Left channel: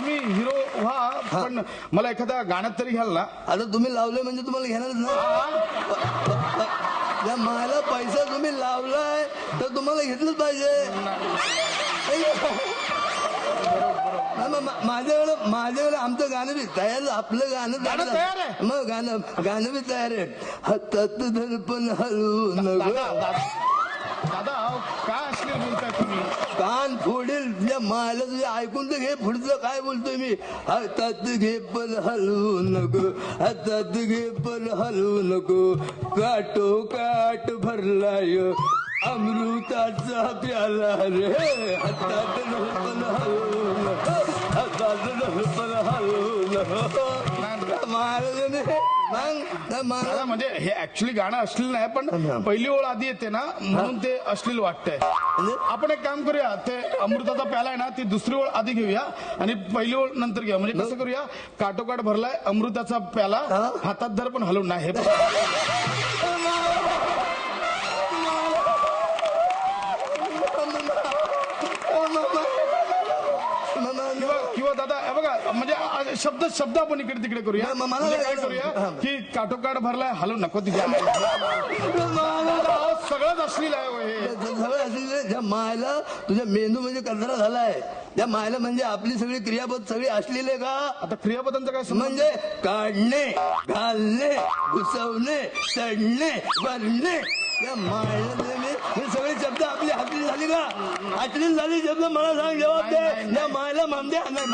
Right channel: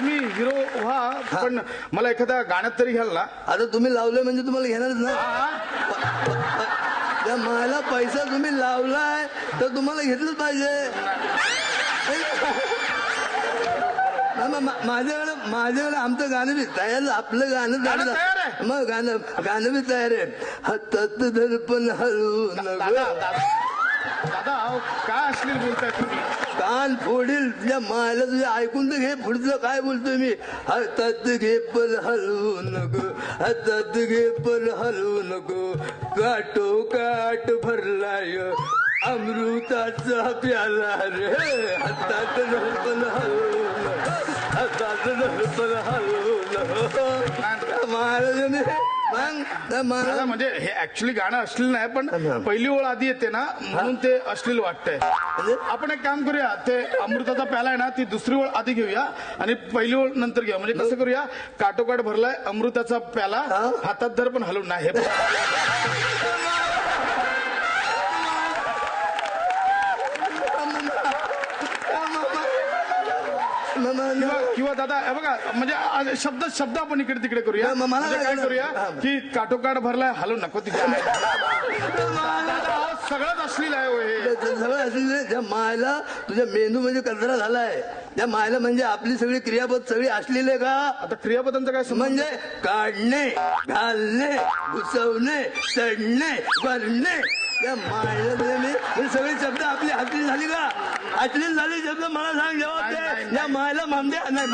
तुम्ही हिरो व्हा, पण मला एखाद्या गाण्यात तरी घ्याल ना? आता तुम्ही लावलंय म्हणजे तुम्हाला घेणारच ना. त्या मला पैसा तुम्ही लावलाय तर तुम्हाला घेतलंच पाहिजे. माझ्याकडे आमचं गाणं बी तयार, आपलं गाणं तयार आहे. मग गाणं बी तयार आहे. हातात दर्पण हलवू नको. दादा काय अश्लील बोलताय तुम्ही? कान फोडील तुझ्या मायला. तुझ्या ऐकून तर घे पुढचं काय बोलतोय मी. हातात घे पण हलवू नको, हातात घे पण हलवू नको. काटो काट भरलाय अमृताचा प्याला रे. हातात पण हलवू नको, हातात पण हलवू नको. दादा म्हणजे हे ऍक्च्युली गाणं अश्लील नाही, पण पहिली ओळ आधी येते ना म्हणून ते अश्लील वाटतंय. आपण एक काम करूया, ते अमृताचा प्याला आहे ना ती दुसरी ओळ आधी घेऊया आणि पहिली ओळ नंतर घेऊया. म्हणजे कसं करूया, काटोकाट भरलाय अमृताचा प्याला, हातात धर पण हलवून नाही. हे किंवा दादा हे बघा, म्हणजे शब्द आपण इकडे तिकडे करूया. मला काय करूया की काटोकाट भरलाय हलवू नको तिच्या. सगळंच अश्लील आहे. सगळं अश्लील. त्या मायला तुझ्या मेंदू म्हणजे कचरा झालाय. त्या मायला म्हणजे आपली सगळी क्रियापद सगळी अश्लील आहे का? आता क्रियापदांचं काय म्हणजे काढणे, घालणे, घुसवणे, चढणे, भरणे. त्या मायला मी सगळे शब्द आपली अश्लील झाली का? अश्लील झाली शब्द मला सांग जवाब दे. या मायला मामद्या नाही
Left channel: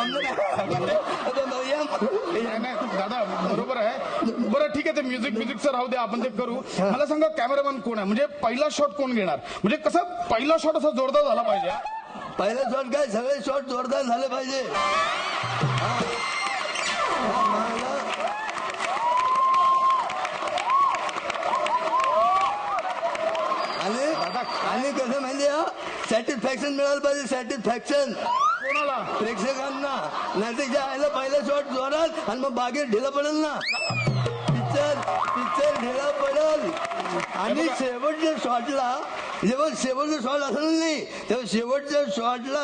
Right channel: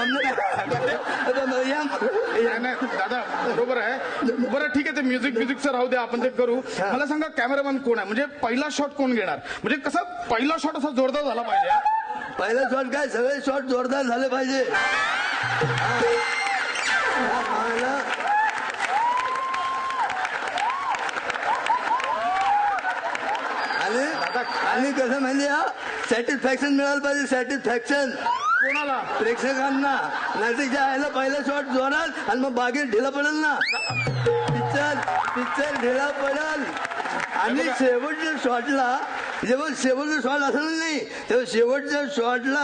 दादा बरोबर आहे. बरं ठीक आहे, ते म्युझिकचं राहू दे, आपण ते करू. मला सांगा कॅमेरामॅन कोण आहे? म्हणजे पहिला शॉट कोण घेणार? म्हणजे कसं पहिला शॉट असा जोरदार झाला पाहिजे. पहिला शॉट काय, सगळे शॉट जोरदार झाले पाहिजे. आणि कसं म्हणजे सॅटिस्फॅक्शन मिळालं पाहिजे. सॅटिस्फॅक्शन कोणाला? प्रेक्षकांना. नाही तर जायला पहिला शॉट जोरात आणि मग बागेत ढिला पडेल ना. पिक्चर ढिला पडेल. आणि शेवटच्या शॉटला जेव्हा शेवटचा शॉट असलं नाही तेव्हा शेवटच्या शॉटला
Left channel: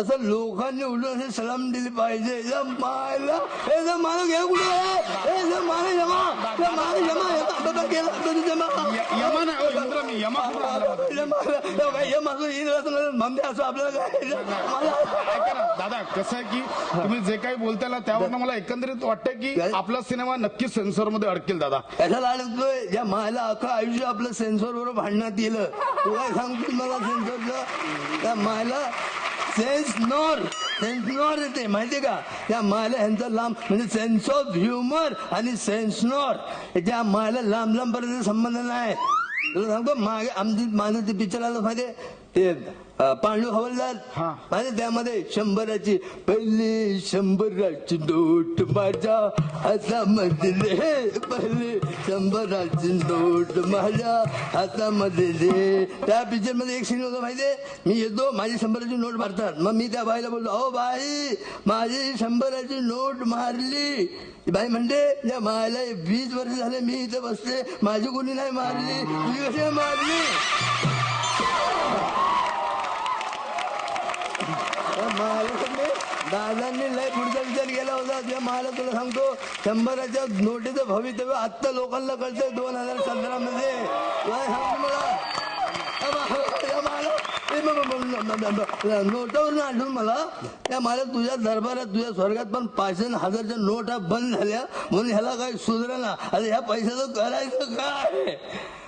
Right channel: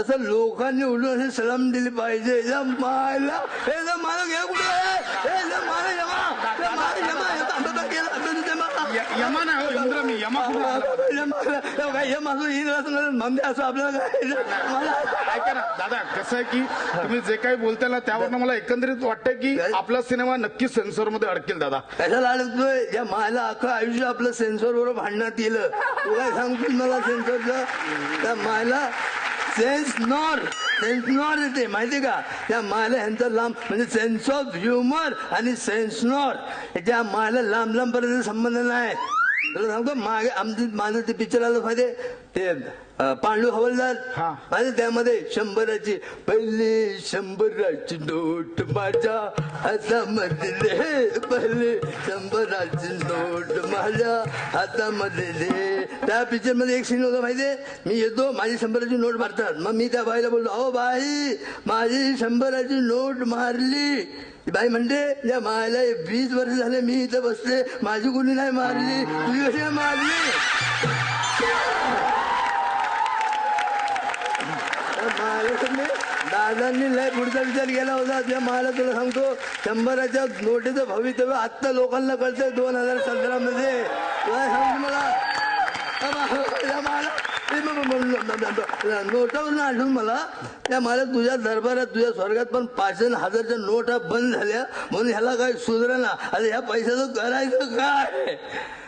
असं लोकांनी उडून असे सलाम दिली पाहिजे. मायला हे मला घे कुठे मला यमा नाही असं आपल्याला काय. ऐका ना दादा, कसं आहे की तुम्ही जे काही बोलताय ना त्यावर मला एकंदरीत वाटतंय की आपला सिनेमा नक्कीच सेन्सॉर मध्ये अडकेल. दादा कशाला अडकतोय? ज्या मायला अख्खं आयुष्य आपलं सेन्सॉर बरोबर भांडण्यात गेलं. तू काय सांगतोस मला सेन्सॉरचं? त्या मायला सेन्सनॉर येते माहितीये का? त्या मायला ह्यांचा लांब म्हणजे सेन्स ऑफ ह्युमर आणि सेन्सनॉर त्या मायला लांब पर्यंत संबंध नाही. तुला सांगतो मागे माझं ते पिक्चर आलं माहितीये, ते पांडू हवालदार. माझ्या त्यामध्ये 100ची पहिली 100ची नोट माझ्या हातामध्ये, पहिली 100ची नोट माझ्या हातामध्ये. त्या पिक्चर मध्ये एक सीन होता माहितीये, मी येतो माझी 100ची नोट मारतात. मग मी त्या बाईला बोलतो, अहो बाई माझी 100ची नोट मारली. बाई म्हणते, या मायला 20 वर्ष झाले मी इथं बसले, माझी कोणी नाही मारली, तुझी कशी मारली? दादांनी लय पुढचा विचार केला होता. त्या मला तुला सांगतो 100च्या नोटीचं भवितव्य आत्ता लोकांना कळतंय 2017 मध्ये. सांगतो मला नोटावरून आठवून मला त्या मला तुझ्या दरबारात तुझ्या स्वर्गात पण 5,000च्या नोटा बंद झाल्या म्हणून ह्याला काही सुधारणा. आता ह्या पैशाचं करायचं काय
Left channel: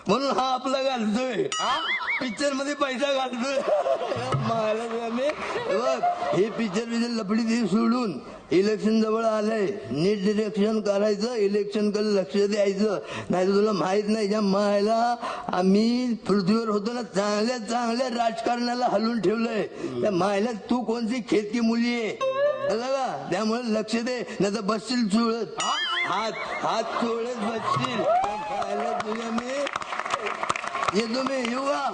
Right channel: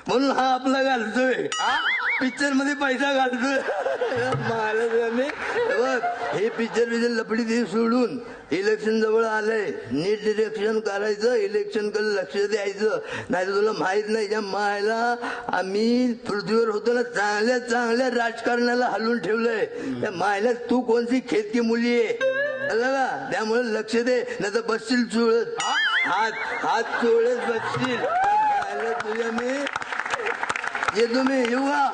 म्हणून हा आपला घालतोय पिक्चर मध्ये पैसा घालतोय. बघ हे पिक्चर लपडी ती सोडून इलेक्शन जवळ आलंय, नीट डिरेक्शन करायचं, इलेक्शन कडे लक्ष द्यायचं. नाही तर तुला माहित नाही ज्या मायला आम्ही पृथ्वीवर होतो ना चांगल्या राजकारणाला हलवून ठेवलंय. त्या मायला तू कोणती खेतकी मुली आहे का? त्यामुळे लक्ष दे, नाही तर बसशील चुळत. हात चोळत बसशील. तुझ्या मी येतो, मी येऊ का?